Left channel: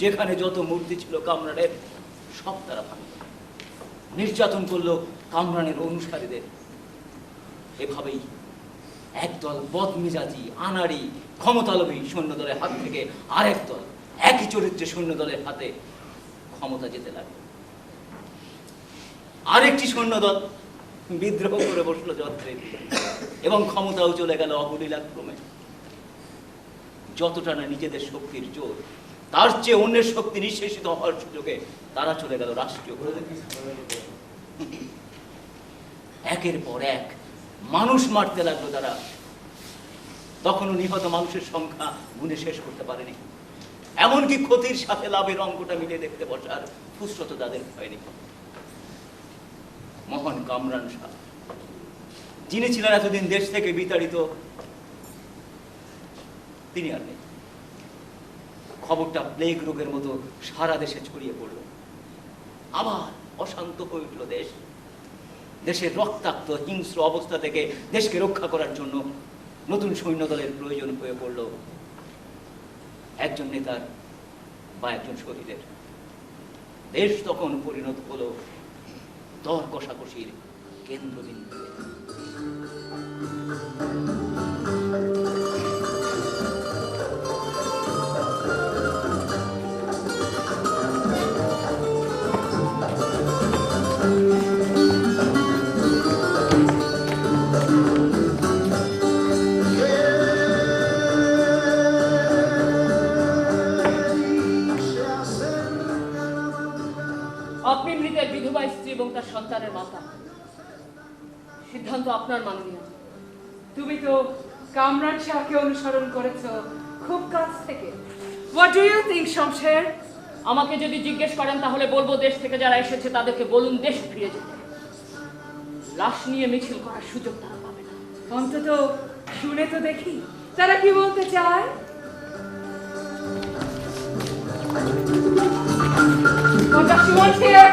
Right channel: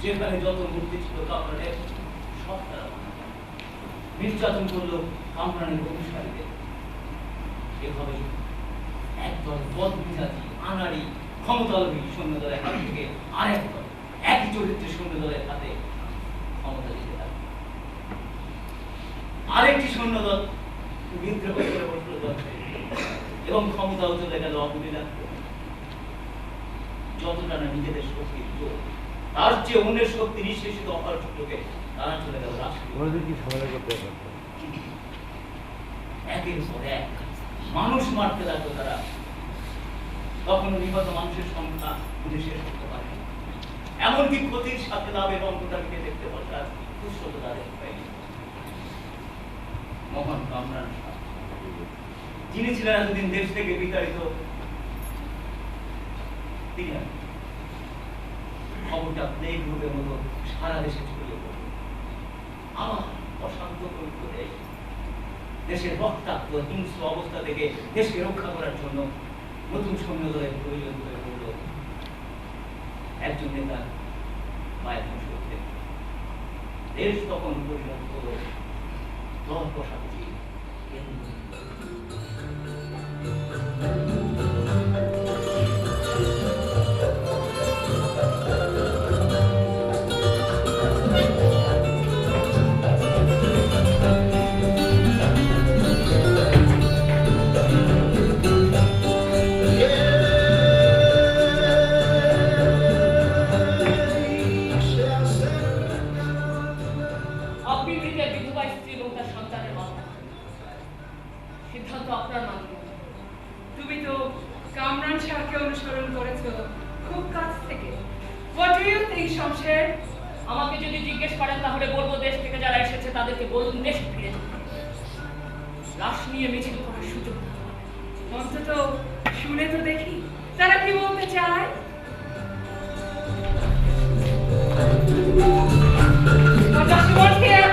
যেখানে যত মূর্তি ছিল কামরানের সব তারা নির্যাতন করলো কামরানের অনুসারীদের। এভাবেই একদল বদমিজাজি আনাড়ি ক্ষমতালোভী সৈন্যদলের হাত থেকে আরেক দল একই চরিত্রের সৈন্যদলের হাতে ক্ষমতা যেতে লাগলো। আরেকটি সৈন্যদল বিদ্রোহ করে বসলো যন্ত্রে এবং ক্ষমতাও চলে গেল অবলীলাক্রমে। যতটা না নিজেদের শক্তির জোর, তার চেয়ে অন্যের শক্তি নিঃশেষিত হওয়ার সুযোগে তারা চলে গেল রাষ্ট্রীয়। একের পর এক মানুষ মারতে লাগলো তারা। তখনও নিহত মানুষের সংখ্যা গুণে শেষ করতে পারেনি। এমনকি ক্ষতির সাথে লাভের অঙ্কটা মিলে দেখতে বসার ফুসরত তাদের হয়নি। মোহন কামরান শাহ, যিনি ছিলেন এতদিন দেশ থেকে বিতাড়িত, তিনি আর খবরটা প্লেগ রোগের মতো সারা দেশে ছড়িয়ে পড়ল। আবার অশান্ত হয়ে উঠল দেশ। দেশের রক্তাক্ত হিংস্র অবস্থা থেকে দেশকে রক্ষা করার জন্য নতুন সৈন্যদলের প্রয়োজন হয়ে পড়ল একজন নেতার বা একজন শহীদের। দেশ তখন পরিণত হলো দর কষাকষির কেন্দ্রবিন্দু। সন্তানের মা, সিদ্ধান্ত আপনার মাননীয়। তুমি তো কামরান শাহকে অনুসরণ করেছো খুব কাছ থেকে। What do you think, Shamsher? আমাকে যদি জিজ্ঞেস করেন তাহলে বলবো দেশ থেকে যারা এসেছে তাদেরকে বলুন দেশে ফিরে যেতে। লাশ নিয়ে মিছিল করার সুযোগ না। অন্তত শুনে তো দেখি তারা কি বলতে চায়। What does she want here?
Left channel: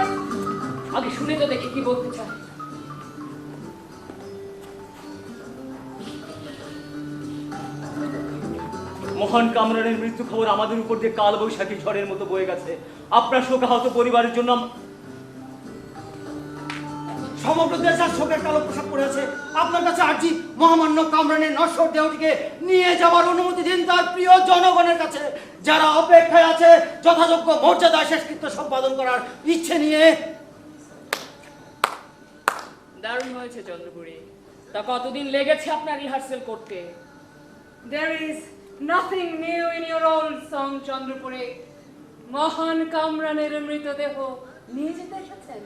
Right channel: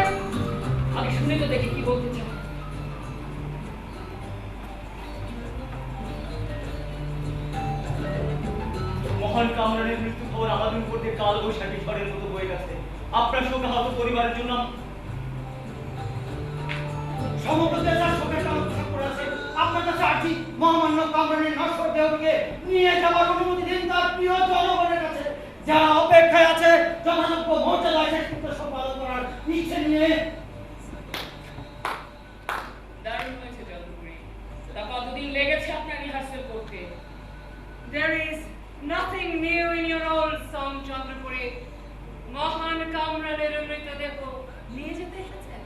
আগে শুনে তো দেখি কি বলতে চায়। মহান কামরানের মৃত্যু খবর আমাদের উপর দিয়ে কাল বৈশাখী ঝড়ের মতো বয়ে গেছে। আপনার শোকাহত পরিবারের জন্য সমগ্র দেশ আর শোকের কালো পোশাক পরে আছে। আপনার কাছে আর্জি, মহামান্য কামরানের নশ্বর দেহটিকে নিয়ে যাওয়ার অনুমতি দিন তার প্রিয় জনগণের কাছে, যারা অপেক্ষায় আছে যথাযোগ্য মর্যাদা শেষকৃত্য সম্পাদন করার ইচ্ছে নিয়ে। দারুণ হয়েছে চন্দ্রপুরী। তা কতদিন লেগেছে আপনার রিহার্সেল করতে? There is nothing new in your old song, Chandrapuri. মহান কামরানের মৃতদেহ নিয়ে যেতে এসেছেন।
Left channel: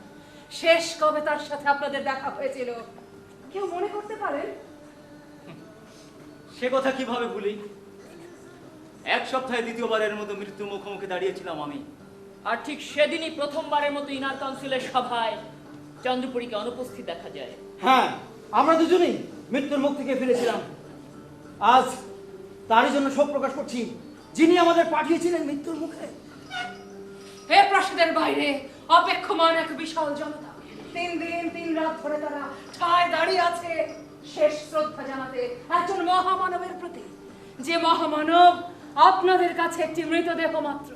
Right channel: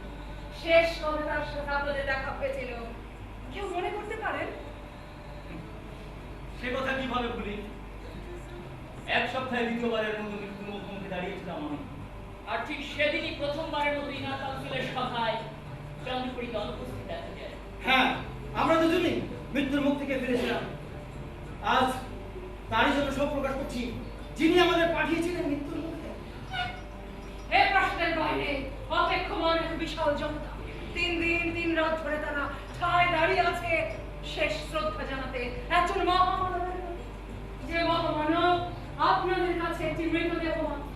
শেষ কবে তার সাথে আপনাদের দেখা হয়েছিল কেউ মনে করতে পারেন? সে কথা কিভাবে ভুলি? এক সপ্তাহে দ্বিতীয়বারের মতো মৃত্যুর মুখোমুখি দাঁড়িয়েছিলাম আমি। আর ঠিক সেদিনই প্রথমবারের মতো ইনার কাউন্সিলের সভায় চন্দ্রপুরীকে অনুপস্থিত দেখা যায়। হ্যাঁ, আমরা দুজনেই মৃত্যুর মুখ থেকে ফিরেছিলাম। আজ তারই জন্য শোক প্রকাশ করছি, যিনি আমাদের পাঠিয়েছিলেন মৃত্যুর মুখে। হে প্রাসাদের বাইরে অপেক্ষমান এক বিশাল জনতা, 3 দিন 3 রাত ধরে তারা ঠায় দাঁড়িয়ে আছে শেষ শ্রদ্ধা জানাতে একজন মহামানবের প্রতি, যে মহামানব আপনাদের কাছে একটি মৃতদেহ মাত্র।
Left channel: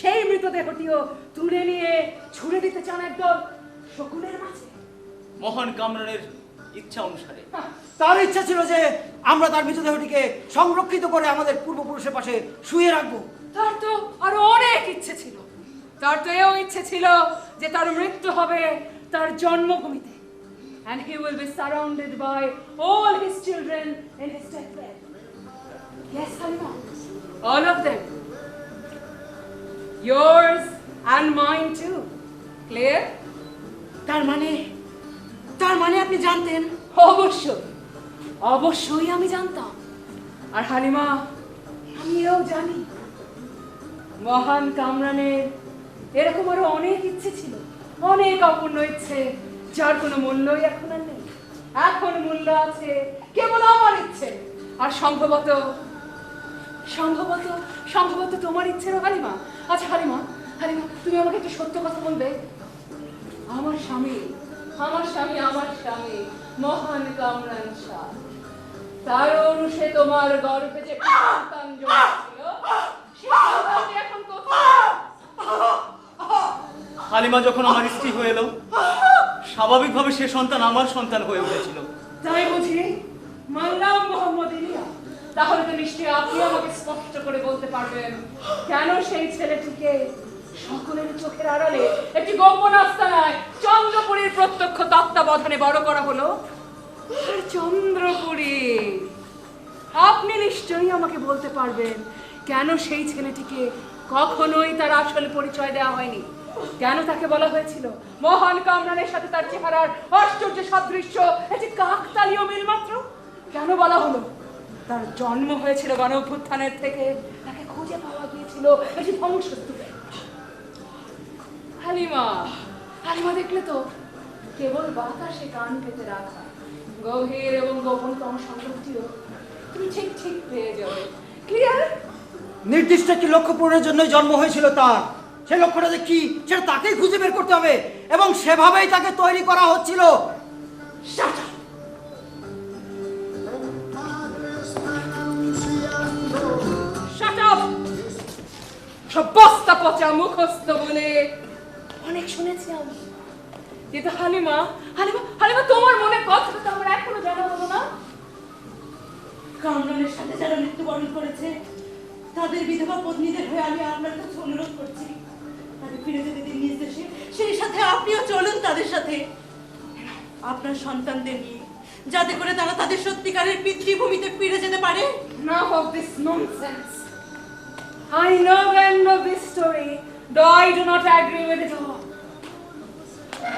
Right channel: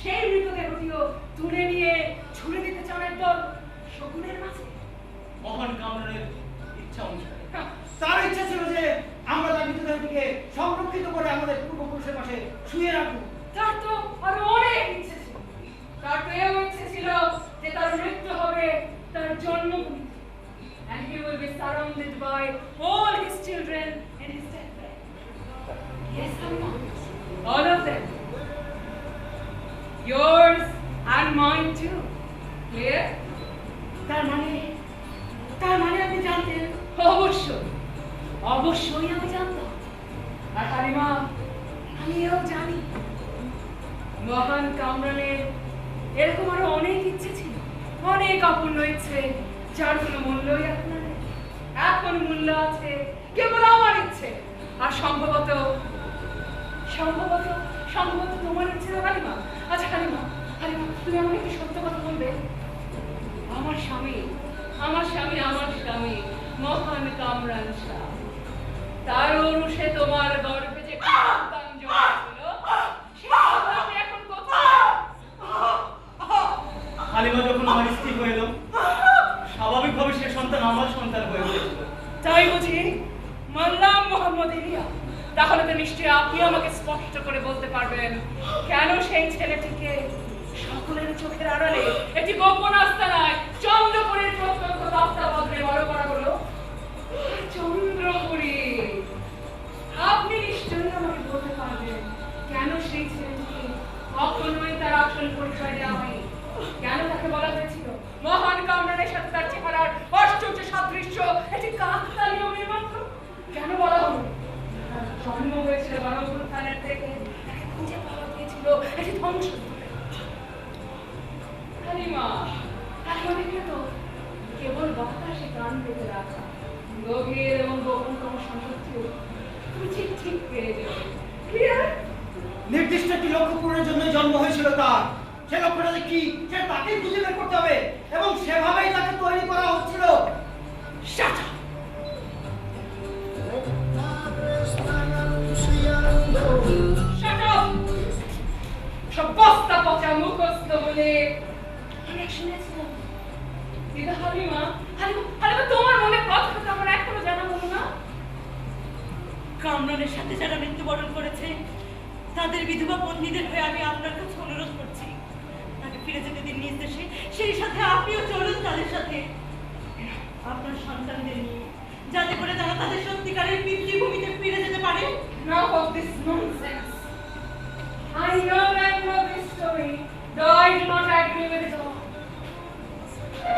সেই মৃতদেহটিও তুলে নিয়ে ছুড়ে দিতে চান একদল শকুনের মাঝে। মহান কামরানের ইচ্ছা অনুসারে তার ইচ্ছা ছিল যে আমরা তার মৃতদেহটিকে সংরক্ষিত করে আমাদের পূর্বপুরুষের পাশে শুয়ে রাখবো। তার তো আরো অনেক ইচ্ছে ছিল। তার তো এও ইচ্ছে ছিল যে তার মৃত্যু হবে তার জন্মভূমিতে, and he will be surrounded by all his children in his deathbed. Yes, Halima, all of them, yours and mine too. Clear? তার মানে আপনি জানতেন? অবশ্যই আমি জানতাম। আর হালিমা, আমিও জানি মহান কামরানের এরকম আরো অনেক ইচ্ছে ছিল, অনেক অপূর্ণ ইচ্ছে, যার কোনো মূল্যই এখন নেই। এখন মূল্য আছে কেবল আমার ইচ্ছে, আর সম্ভবত তোমার ইচ্ছে না হালিমা। আচ্ছা হালিমা, তুমি আমাকে একটু সত্য কথা বলবে? আমার স্বামী মহান কামরান শাহ, তার অনুষে তোমার গর্ভে যে সন্তান জন্মেছিল, সে সন্তান এখন কোথায়? হালিমা যখন আমার স্ত্রী হয়ে এলো, স্বাভাবিকভাবে সে সন্তান আমার সন্তান হয়ে উঠেছিল। তাই বুঝি? মানলাম মোহাম্মদ ইলিয়া। তাহলে তো নিশ্চয়ই আপনি আমাকে স্পষ্ট করে বলতে পারবেন কেন সেই ছেলেটিকে সকলের চোখের আড়ালে একটি গোপন আস্তানায় চন্দ্রপুরীর প্রত্যক্ষ তত্ত্বাবধানে বড় করা হলো। চন্দ্রপুরী, আপনি নিশ্চয়ই আমাকে বলতে পারবেন কেন সেই ছেলেটিকে কখনোই তার আসল পরিচয় দেওয়া হয়নি? কেন তাকে বলা হয়েছিল মহান কামরানের সাথে তার চেহারার আশ্চর্য সাদৃশ্য একটি কাকতালীয় মিল মাত্র? কেন বলা হলো তার জন্ম হয়েছিল গণঅভ্যুত্থানের থেকে, তাকে খুঁজে পাওয়া গিয়েছিল একটি ধ্বংসস্তূপে? হালিমা, হালিমা দেখলে তো কেবল বাতাসে কান পেতে রাখা গভীর এবং গোপনতম সংসদটিও তুমি ঠিক ঠিক পেয়ে যাবে। ক্লিয়ার? নির্দিষ্ট একটি লক্ষ্য পূরণের জন্য জন্ম হয়েছিল তার। সেই লক্ষ্যটা যে কি সেটা তাকেই খুঁজে বের করতে হবে, এবং সেভাবেই তাকে তৈরি করা হচ্ছিল। Shut up! Shut up! সব বস্তা পচা মুখস্থ বলে অনেক শুনেছি আমি। কিন্তু হালিমা, হালিমা, হালিমা, তোমার মনে কথাটা তো আমার এখনো জানা হলো না। কামরানের সাথে যারা মৃত্যুবরণ করেছে তাদের বিধবা পত্নীদের হয়ে আমি আপনার কাছে অনুরোধ করছি, তাকে ফিরে যেতে দিন নিজ দেশে। সেই সাথে আপনিও চলুন তাদের সাথে, আপনার সন্তানদের নিয়ে, যাতে করে তারা তাদের সত্যিকারের পিতৃভূমিতে ফিরে যেতে পারে। Enough of this nonsense. I know the end of this story, though I do not agree with it all.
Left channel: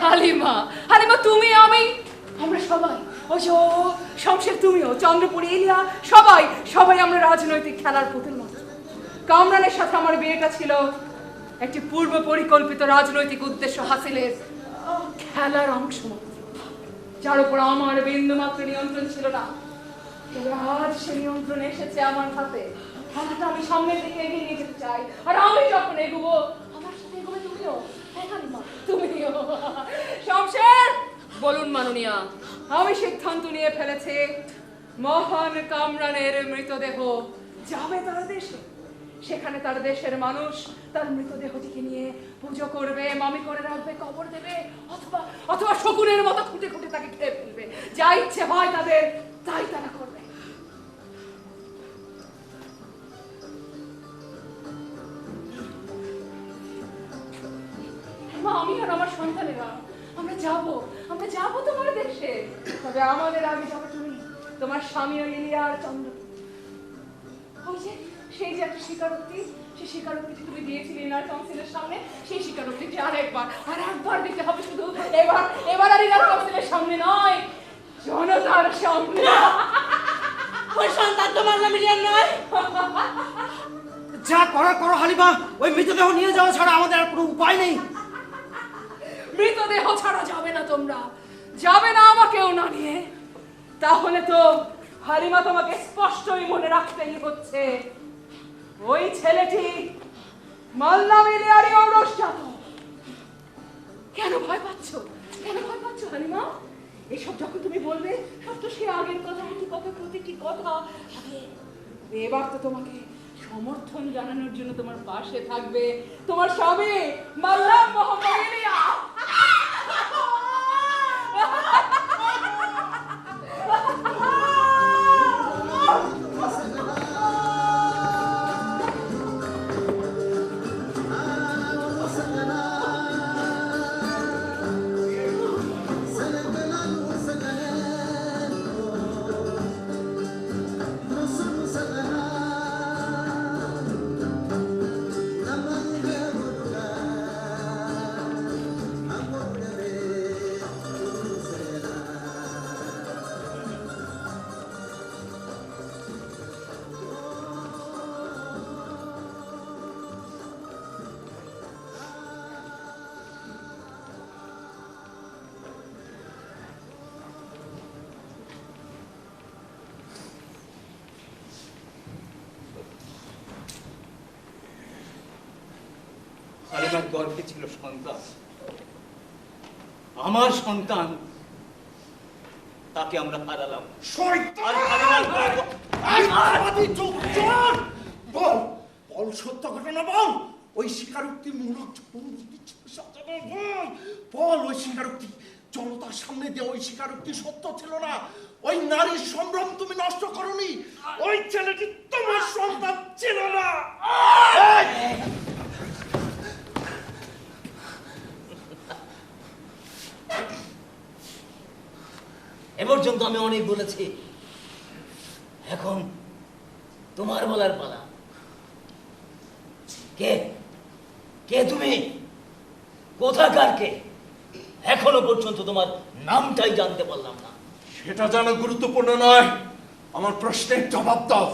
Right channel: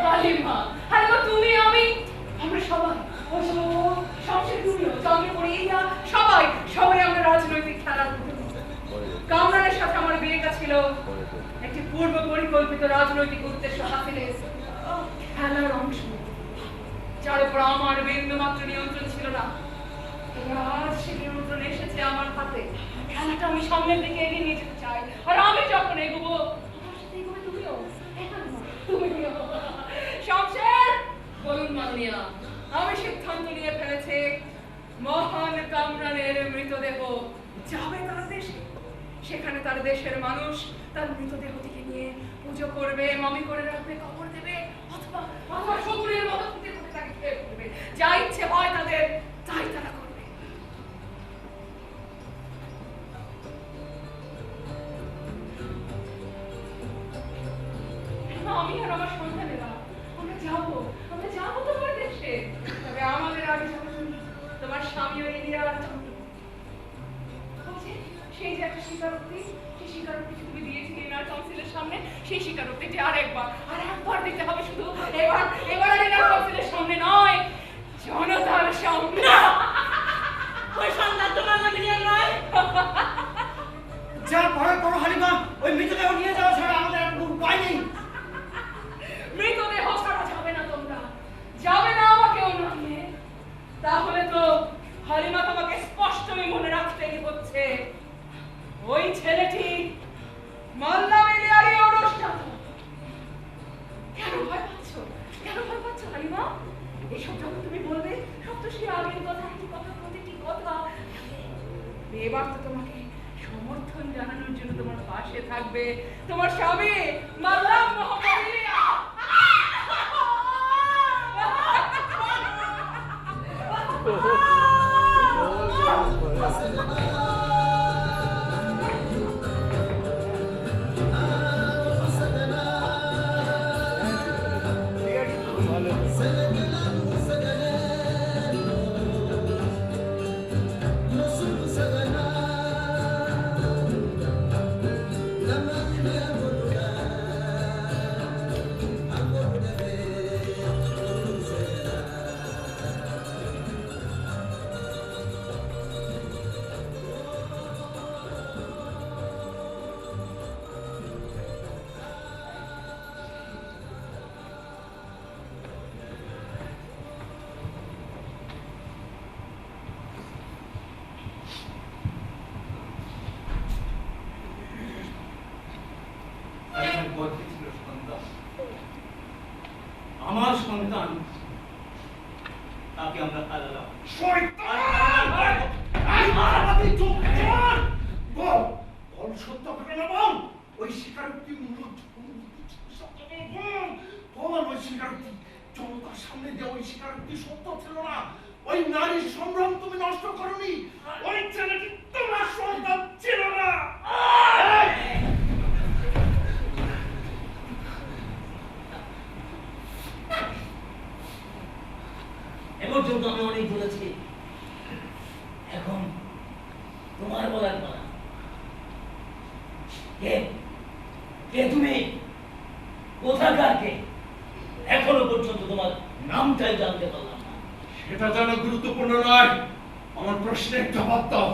Halima, Halima, তুমি, আমি, আমরা সবাই, শমশের, তুমিও, চন্দ্রপুরী, ইলিয়া, সবাই সবাই আমরা রাজনৈতিক খেলার পুতুল মতো। কামরানের সাথে আমার বিয়েটা ছিল একটি পূর্ব পরিকল্পিত রাজনৈতিক উদ্দেশ্য হাসিলের খেলার অংশ, যার উপর আমার বিন্দুমাত্র নিয়ন্ত্রণ ছিল না। তবে আজ সে নিয়ন্ত্রণ এসেছে আমার হাতে। খেলাটা আমি সামনের দিকে এগিয়ে নিয়ে যেতে চাই, আর আমি যখন এগোবো আমার সাথে এগোবে তুমিও। তুমিও। শমশের, বলুন মাননীয়া। আমি সিদ্ধান্ত নিয়ে ফেলেছি মহান কামরানের মৃতদেহ যাবে তার দেশে। সেখানে তার দেশের মানুষ তার মৃতদেহটিকে নিয়ে পুজো করবে, মামি করে রাখবে, কবর দেবে, অথবা অথবা শকুনের মতো খুঁটে খুঁটে তাকে খেয়ে ফেলবে। যা ইচ্ছে হয় তাদের তাই তারা করবে। আমি আর আমার সন্তানেরা আমরা যাবো তোমার দেশে। তবে আমাদের আগে যাবে তুমি, তোমার স্বামী ইলিয়া আর চন্দ্রপুরী। সেই যে একটা স্বীকারোক্তি, সেই স্বীকারোক্তিটি তুমি দিয়েছিলে ইনার কাউন্সিলের সামনে, সেই স্বীকারোক্তিটি আর একবার দিতে হবে। শুধু এবার আর ইনার কাউন্সিলের সামনে নয়, জনতার সামনে। ওই সন্তান তোমার নামে নয়। যা করার করো হালিমা, ওই মৃতদেহ নিয়ে যাওয়া ছাড়া আমাদের আর কোনো উপায় নেই। মৃতদেহ ছাড়া যাবে না, তোমরা যাবে না আমাকেও না নিয়ে। তাহলে তো হালিমা তোমাকে স্পষ্টই মনে রাখতেই হচ্ছে, ওই ছেলেটি মাল্লা মিলিয়ারি ঔরস জানো। কেন ভয় পাচ্ছ? কেন ভয় পাচ্ছ হালিমা? এসব যখন তুমি বলবে সব তো সে আগের কথা, প্রতিটি কথা। এবার তো তোমাকে সমর্থন জানানোর জন্য তোমার পাশে থাকবে তোমার স্বামী মাল্লাম মোহাম্মদ ইলিয়া। গর্ভে ছিল সন্তান, আমার সন্তান, তাকে আমরা হারালাম। বল সত্য ঘটনা বল। ওই স্বীকারোক্তির মূল বল ওই স্বীকারোক্তি, জনতার সামনে দিয়ে ওই স্বীকারোক্তি সত্য ছিল না? ওই নারীর সম্ভ্রম তুমি নষ্ট করনি? ওই ছেলেটি তোমার সন্তান ছিল না? এ পর্যন্ত আমি অনেক বলেছি, এখন তোমার বলার পালা। কে কে তুমি? কোথাকার কে? এখনো পর্যন্ত তোমার নামটাই জানতে পারলাম না। সেটা জানা গুরুত্বপূর্ণ নয়, আমার প্রশ্নের জবাব দাও।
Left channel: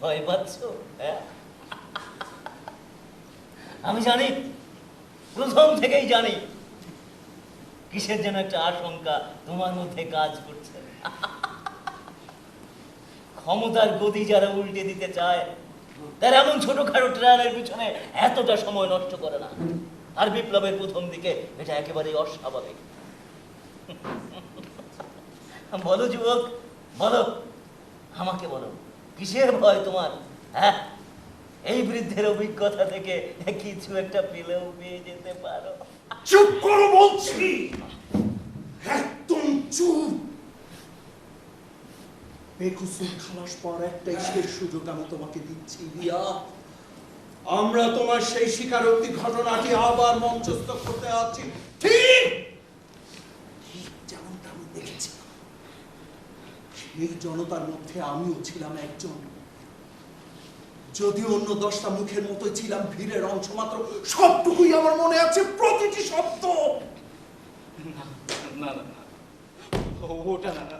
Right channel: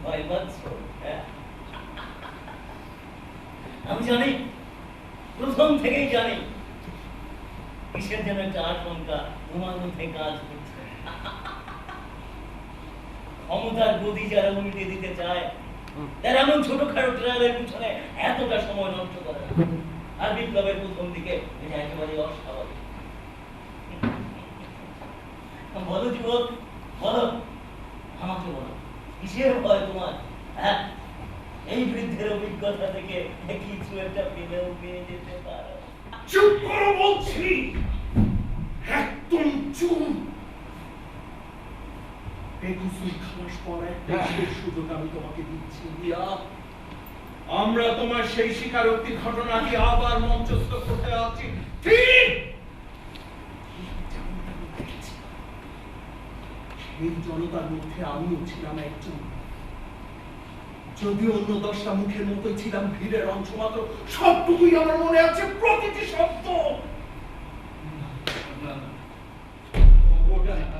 ভয় পাচ্ছ? হ্যাঁ, আমি জানি, প্রথম থেকেই জানি কিসের যেন একটা আশঙ্কা তোমার মধ্যে কাজ করছে। ক্ষমতার গতি যারা উল্টে দিতে চায় তারা এমন ছোটখাটো ট্রায়ালের পিছনে এতটা সময় নষ্ট করে না। আর বিপ্লবের প্রথম দিকে এটা একেবারেই অস্বাভাবিক। বলো যুবক, বলো, আমাকে বলো, কিসের ভয় তোমার? হ্যাঁ, এই বৃদ্ধের অভিজ্ঞতা থেকে কিছু একটা পেলেও পেয়ে যেতে পারো। চুপ করো বলছি, একদম চুপ। এই কুসুম খালাস পর একটাই শেষ সুযোগ আমি তোমাকে দিচ্ছি রিয়া। আমরা তোমার সেই স্বীকারোক্তি ঘটনাটি আবার মঞ্চস্থ করতে আছি, ঠিক যেমনটা আমি দেখেছিলাম। সেই জনতার মধ্যে আমিও ছিলাম একজন, যদিও অন্য 10টা মুখের মতোই ছিলাম ভিড়ের অংশ মাত্র। সবটুকুই আমার মনে আছে, প্রতিটি শব্দ।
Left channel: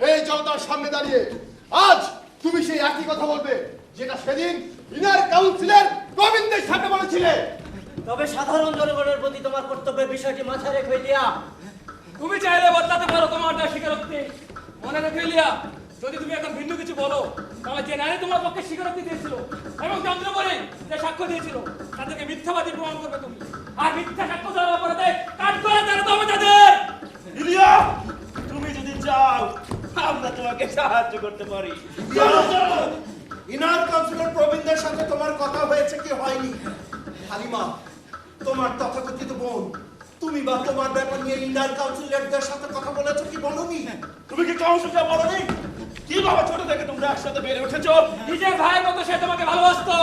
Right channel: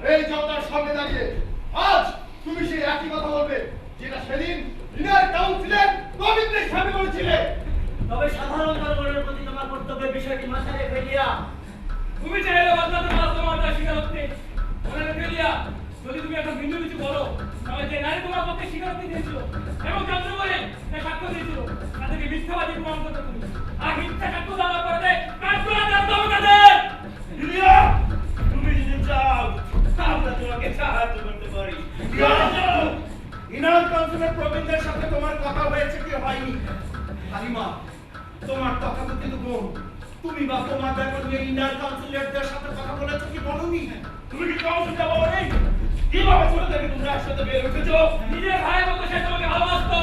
এই জনতার সামনে দাঁড়িয়ে আজ তুমি সেই একই কথা বলবে যেটা সেদিন ইনার কাউন্সিলের গোবিন্দের সামনে বলেছিলে। তবে সাধারণ জনগণের প্রতি তোমার কর্তব্যের বিষয়টি মাথায় রেখে দিয়া তুমি চাইলে বদলাতে পারো তোমার স্বীকারোক্তি। মনে রেখে লিয়া, যদি তুমি একটা ভিন্ন কিছু বলো তাহলে যে নারী তোমার পক্ষে স্বীকারোক্তি দিয়েছিল এবং যন্ত্র করে যে সাক্ষ্য দিয়েছিল তাদেরকে মিথ্যাবাদী প্রমাণ করবে তুমি। আর মিথ্যা সাক্ষ্য দেওয়ার পরে কাট করা দেওয়া তবে তাদের। রিয়া, তুমি যদি চাও আমরা তোমাকে সাহায্য করতে পারি। ইনার কাউন্সিলর প্রবীণদের সাথে তোমার কথা হয়েছে কি হয়নি? হালিমা, তোমার তথাকথিত বোন, তুমি বা তোমার ব্যাপার নিয়ে ইনার কাউন্সিলরদের সাথে কথা বলেছো কি বলনি? তুমি কি কাউন্সিলরে বলনি? কিভাবে ছোট থেকে তোমরা একসাথে বেড়ে উঠেছো? নিজের ভাইয়ের মতো সে তোমাকে ভালোবাসতো।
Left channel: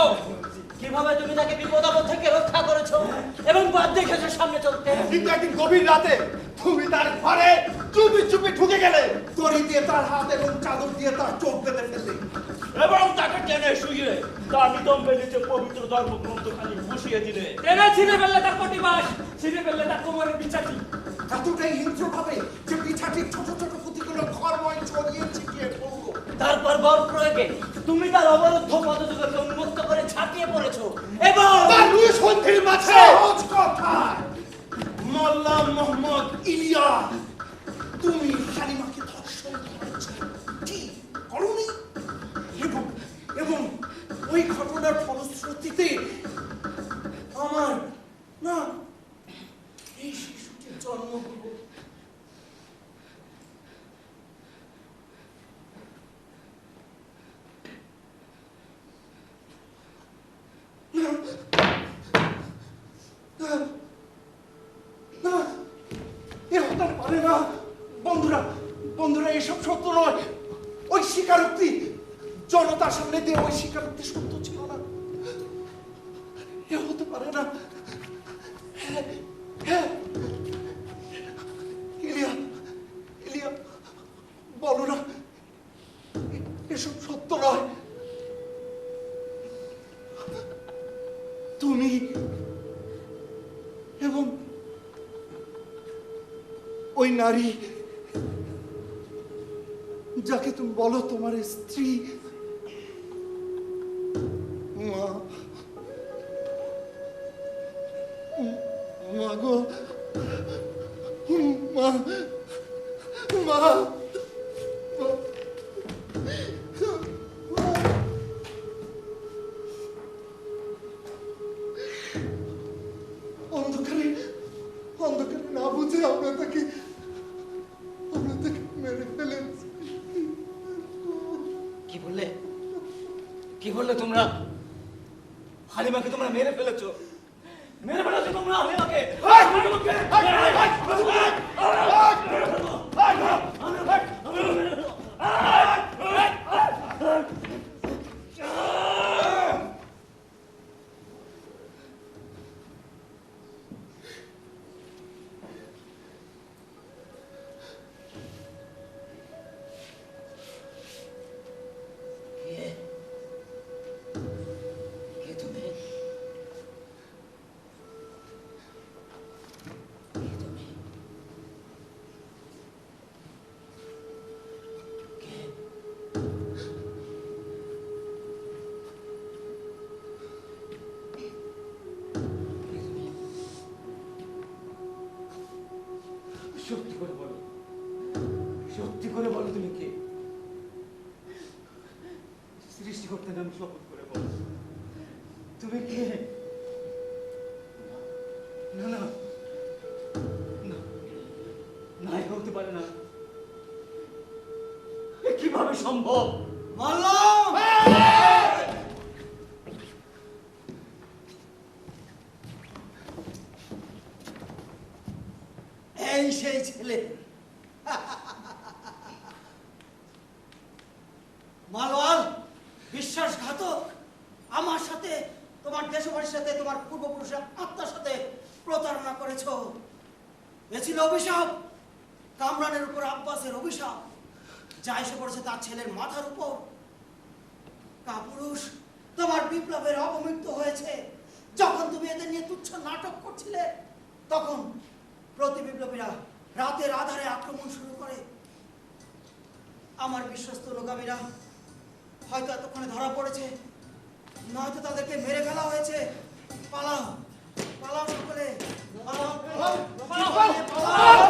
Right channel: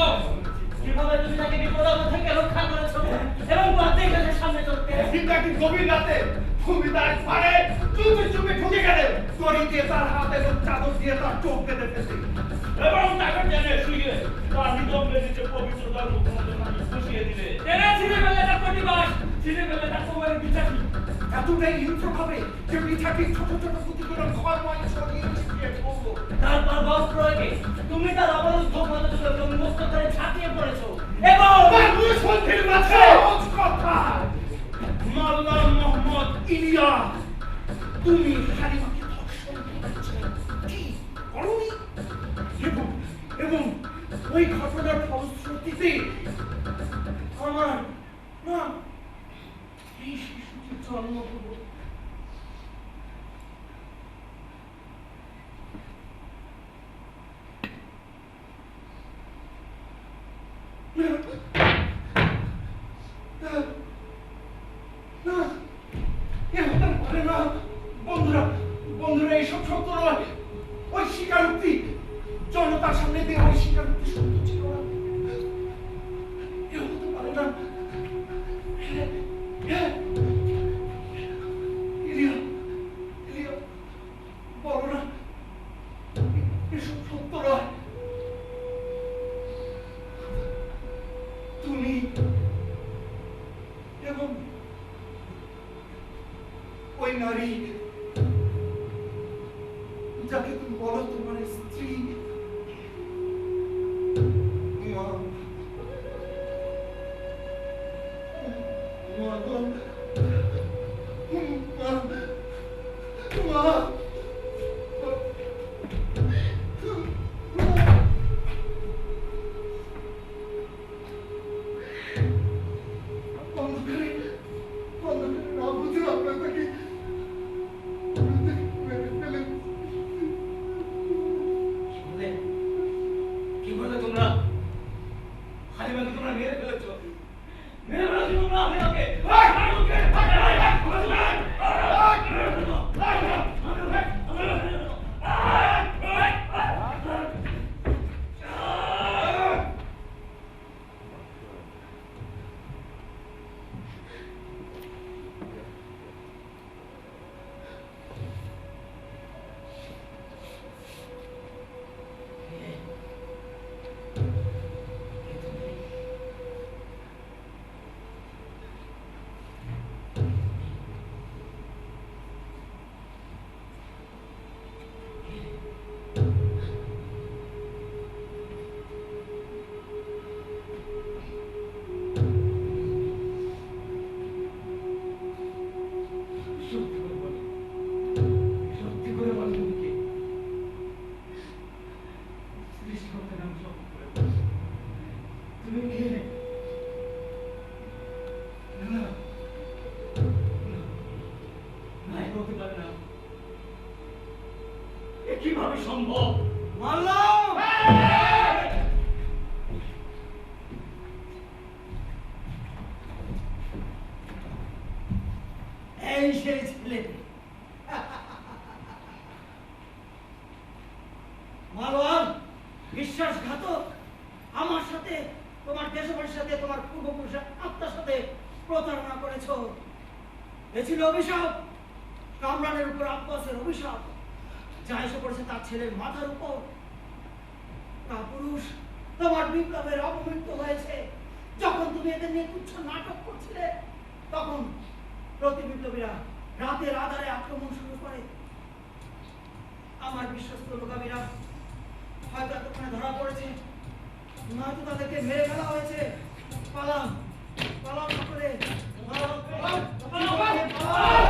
কিভাবে তুমি তাকে বিপদাপদ থেকে রক্ষা করেছো এবং বাদ দেখেছো সামনে চলতে। কিন্তু একদিন গভীর রাতে তুমি তার ঘরে চুপি চুপি ঢুকে গেলে, দড়ি দিয়ে তার হাত এবং চাদর দিয়ে তার চোখ বেঁধে ফেললে এবং তাকে টেনে শুইয়ে তার নিতম্বে নিচে পবিত্র ধর্মগ্রন্থখানি বসিয়ে দিলে। এরা ছিঁড়ে ফেললে তার প্রতিবাস, ছিঁড়ে ফেললে তার কোমরের বিচাটি। এতটাই হিংস্রভাবে যে পিঠাটির ছোট ছোট পুঁতিগুলো ঘরময় ছড়িয়ে ছিটিয়ে পড়লো। তারপর বল প্রয়োগে তুমি তার অবরুদ্ধ পদযুগকে উন্মুক্ত করে ঝাঁপিয়ে পড়েছো এবং তার দুই সঙ্গীর মাঝে সহজ কথা, মোল্লা মোহাম্মদ ইলিয়া, তুমি হালিমাকে ধর্ষণ করেছো, ঠিক করোনি? এবং ওই ঘটনার ফলশ্রুতিতে আমার না এই শিশুটির জন্ম হলো। বন্ধুরা, এসব সত্য নয়। ওই স্বীকারোক্তি জনতার সামনে দিয়ে ওই স্বীকারোক্তি সত্য ছিল না। এ হতে পারে না। হ্যাঁ, ইলিয়া, বলো না এসব সত্য নয়। তুমি এবং ওই নারী যাকে তুমি বলো তোমার স্ত্রী, মা গো, মা, অন্ধকারে না বুঝে আমরা তাকে মেরে ফেলেছি। কি বললে তোমরা? হালিমাকে তোমরা মেরে ফেলেছো? মেরে ফেলো তোমরা আমাকে। কে তুমি? সত্যি করে বলো, সত্যি করে বলো তুমি কে? সৃষ্টিকর্তার নাম সত্যি করে বলো, তুমি কে? না না না, না এ হতে পারে না। এ কিভাবে সম্ভব? মারলাম! এই সেই ছেলে। মারওয়ান, বিশ্বাসঘাতক! আমার সাথে, তোমার দেশবাসীর সাথে, তোমার পূর্বপুরুষের আত্মার সাথে প্রতারণা করেছ। এ ছিল অভিশাপ, কামরানের উপর আব্বাসের অভিশাপ, যা এসে পড়েছে তার ছেলের মাথার উপর। কাপুরুষ, তোমার বিপ্লবের অপমৃত্যু হয়েছে। যখন তুমি এদের নিয়ে তুচ্ছ নাটক করছিলে, তখন প্রতি বিপ্লবীরা রাতের আধারে আক্রমণ শুরু করে। আমার বিশ্বস্ত লোকামীরা হয়তো এতক্ষণে ধরা পড়েছে, নয়তো তাদেরকে মেরে ফেলা হয়েছে। পালাও, পালাও সকলে, পালাও, পালাও, পালাও, পালাও।